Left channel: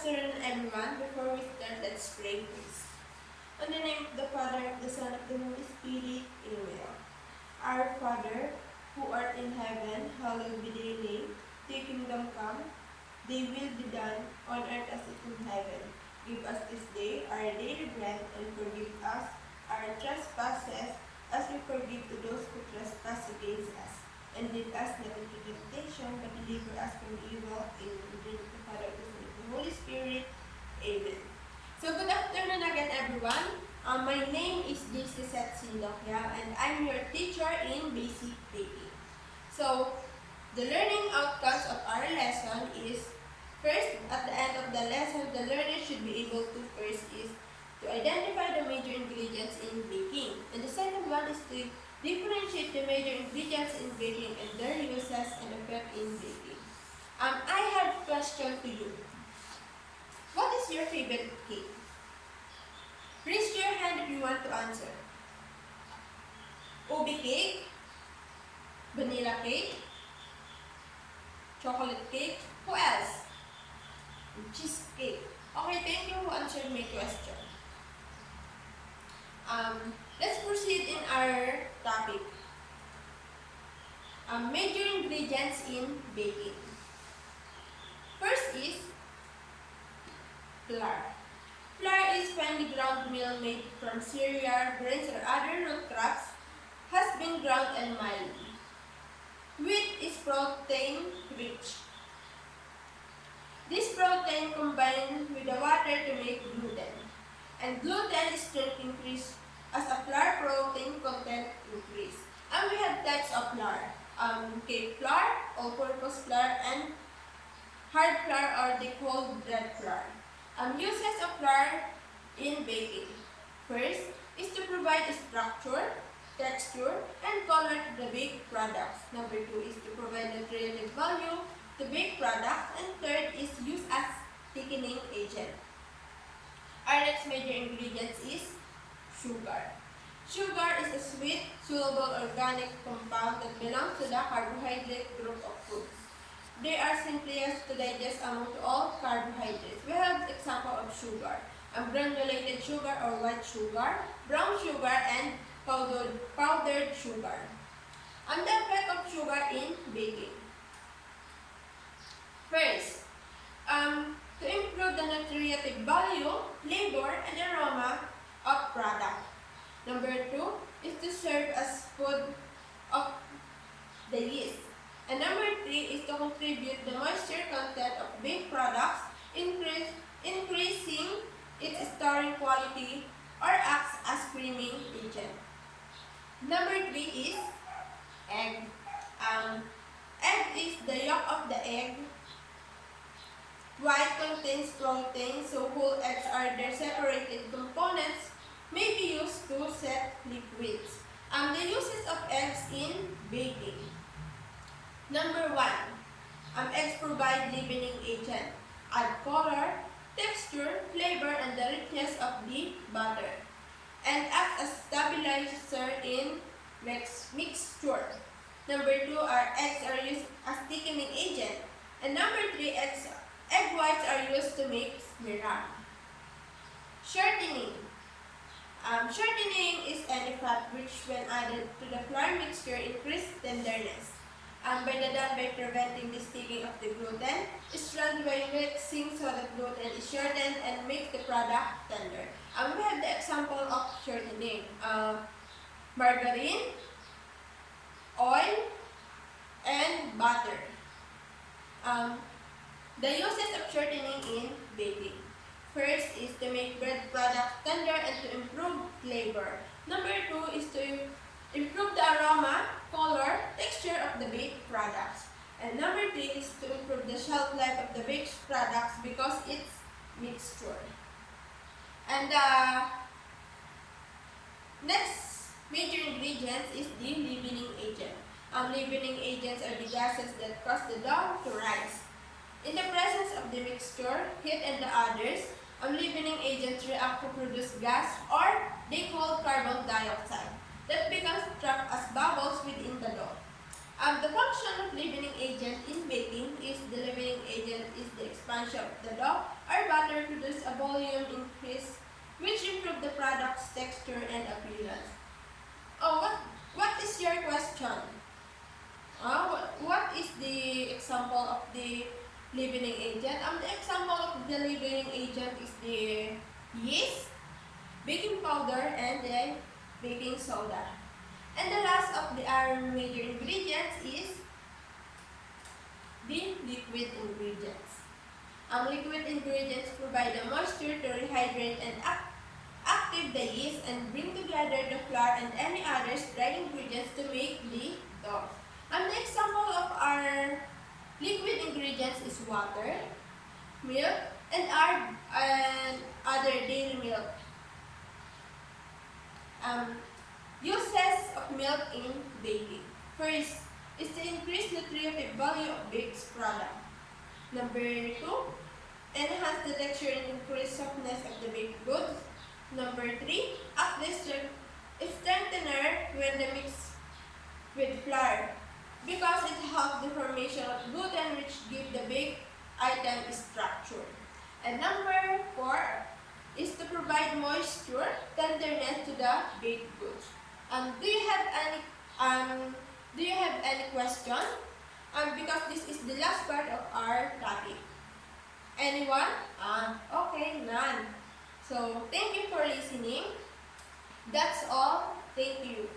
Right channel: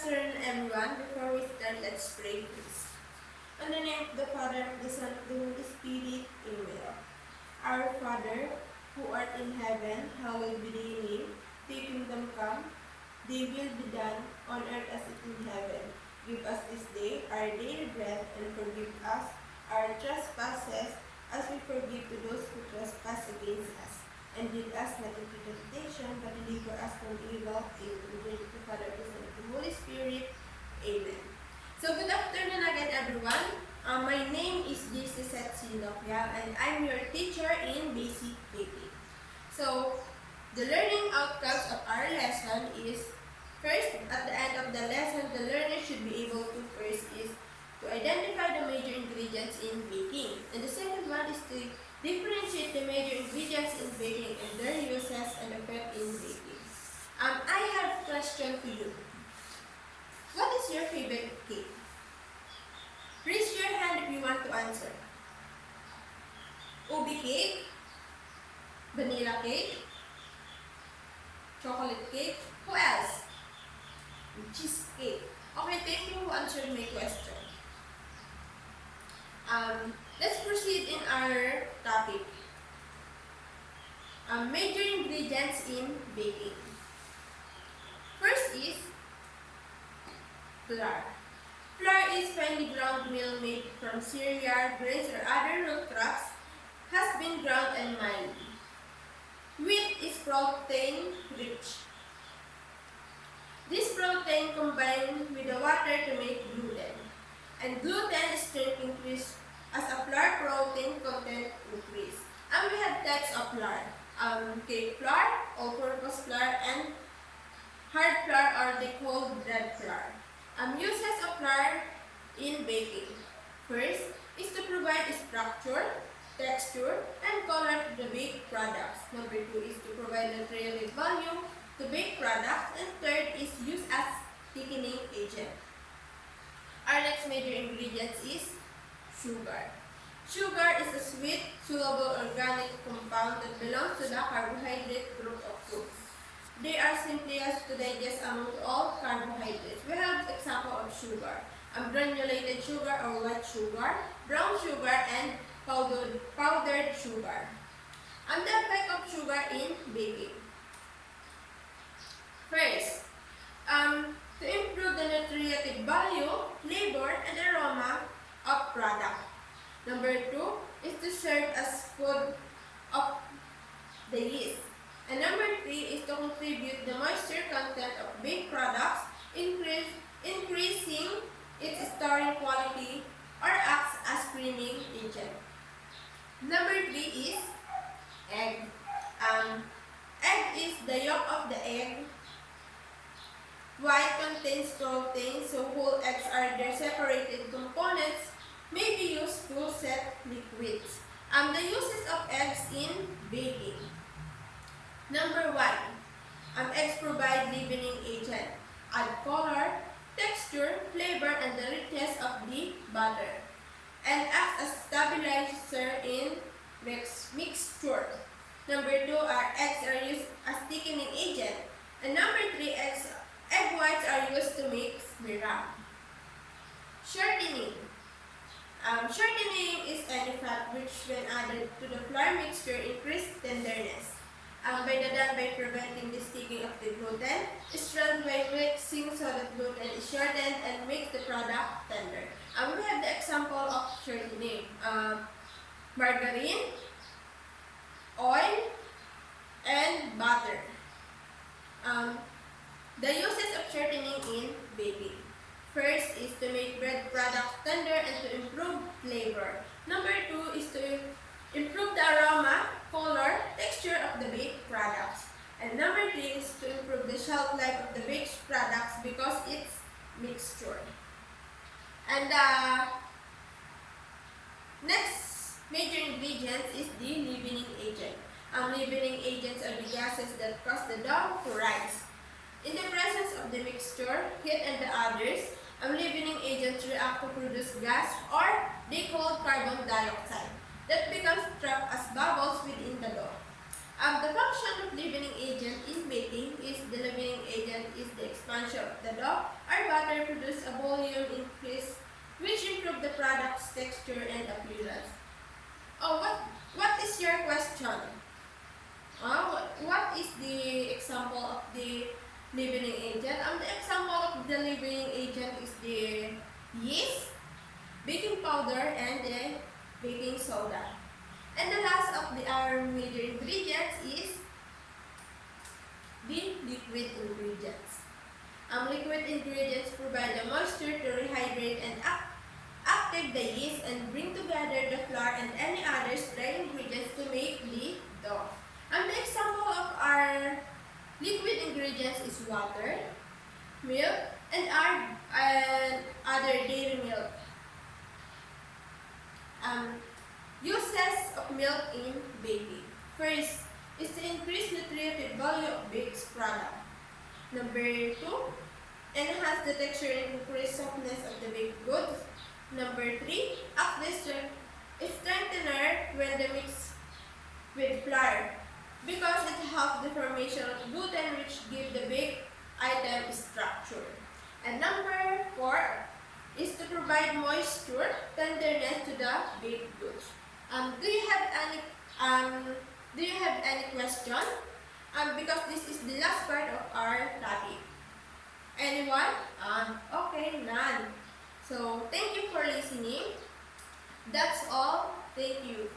afternoon, everyone. Before we start, let's pray first. In the name of the Father, of the Son, of the Holy Spirit, Amen. Our Father, who art in heaven, hallowed be thy name. Thy kingdom come, thy will be done, on earth as it is in heaven. Give us this day our daily bread, and forgive us our trespasses, as we forgive to those who trespass against us. And lead us not into temptation, but deliver us from evil. Amen. In the name of the Father, of the Son, of the Holy Spirit. Amen. So good afternoon again, everyone. My name is Lizeth Locquiao, and I'm your teacher in basic baking. So the learning outcomes of our lesson is, first, at the end of the lesson, the learner should be able to first is to identify the major ingredients in baking. And the second one is to differentiate the major ingredients in baking and their uses and effect in baking. I have a question to you. What is your favorite cake? Raise your hand if you want to answer. Ubi cake, vanilla cake, chocolate cake, who else? Cheesecake. Okay, thank you who answered my question. Let's proceed in our topic. Major ingredients in baking. First is flour. Flour is finely ground meal made from cereal, grains, or other root crops, has been ground and mildly. Wheat is protein rich. This protein combined with the water to make gluten. And gluten strength increase as a flour protein content increase. And we have types of flour. Cake flour, all-purpose flour, and hard flour, or they call bread flour. Uses of flour in baking. First is to provide structure, texture, and color to the baked products. Number 2 is to provide nutritive value to baked products. And third is used as thickening agent. Our next major ingredient is sugar. Sugar is a sweet, soluble organic compound that belongs to the carbohydrate group of foods. They are simplest to digest among all carbohydrates. We have example of sugar. Granulated sugar or white sugar, brown sugar, and powdered sugar. And the effect of sugar in baking. First, to improve the nutritive value, flavor, and aroma of product. Number 2 is to serve as food of the yeast. And number 3 is to contribute the moisture content of baked products, increasing its storing quality, or acts as creaming agent. Number 3 is egg. Egg is the yolk of the egg. White contains protein, so whole eggs are their separated components, may be used to set liquids. The uses of eggs in baking. Number 1, eggs provide leavening agent, add color, texture, flavor, and the richness of the butter, and act as stabilizer in mixture. Number 2, eggs are used as thickening agent. And number 3, egg whites are used to make syrup. Shortening. Shortening is any fat which, when added to the flour mixture, increase tenderness. Done by preventing the sticking of the gluten, is done by mixing so that gluten is shortened and makes the product tender. We have the example of shortening. Margarine, oil, and butter. The uses of shortening in baking. First is to make bread products tender and to improve flavor. Number 2 is to improve the aroma, color, texture of the baked products. And number 3 is to improve the shelf life of the baked products because it's mixture. And the next major ingredient is the leavening agent. Leavening agents are the gases that cause the dough to rise. In the presence of the mixture, heat, and the others, leavening agents react to produce gas, or they call carbon dioxide, that becomes trapped as bubbles within the dough. The function of leavening agent in baking is the leavening agent is the expansion of the dough or batter produce a volume increase which improve the product's texture and appearance. Oh, what is your question? What is the example of the leavening agent? The example of the leavening agent is the yeast, baking powder, and the baking soda. And the last of our major ingredients is the liquid ingredients. Liquid ingredients provide the moisture to rehydrate and active the yeast and bring together the flour and any other dry ingredients to make the dough. The example of our liquid ingredients is water, milk, and other dairy milk. Uses of milk in baking. First is to increase nutritive value of baked product. Number 2, enhance the texture and increase softness of the baked goods. Number 3, act as strengthener when the mix with flour because it helps the formation of gluten which give the baked item structure. And number 4 is to provide moisture, tenderness to the baked goods. Do you have any question? Because this is the last part of our topic. Anyone? Okay, none. So thank you for listening. That's all. Thank you.